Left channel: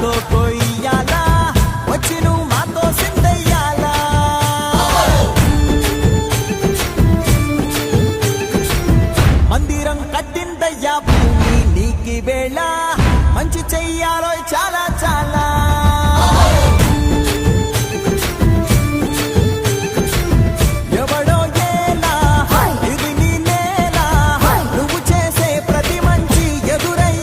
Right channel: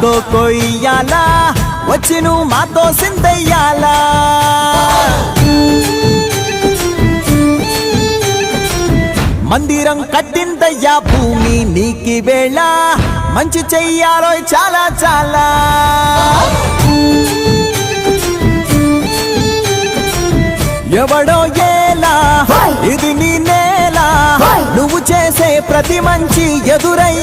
కో కొయ్యాలా వచ్చి నువ్వు మాతో సిందయ్యాలా మందిరం కట్టిందయ్యా భూమి నీకి వేళ మంచి చెయ్యాలో చాలా చాలా ఎవడో ఏలా ఇది నీ నేల నువ్వు చేసే ప్రతి మంచి ఎదురయ్యా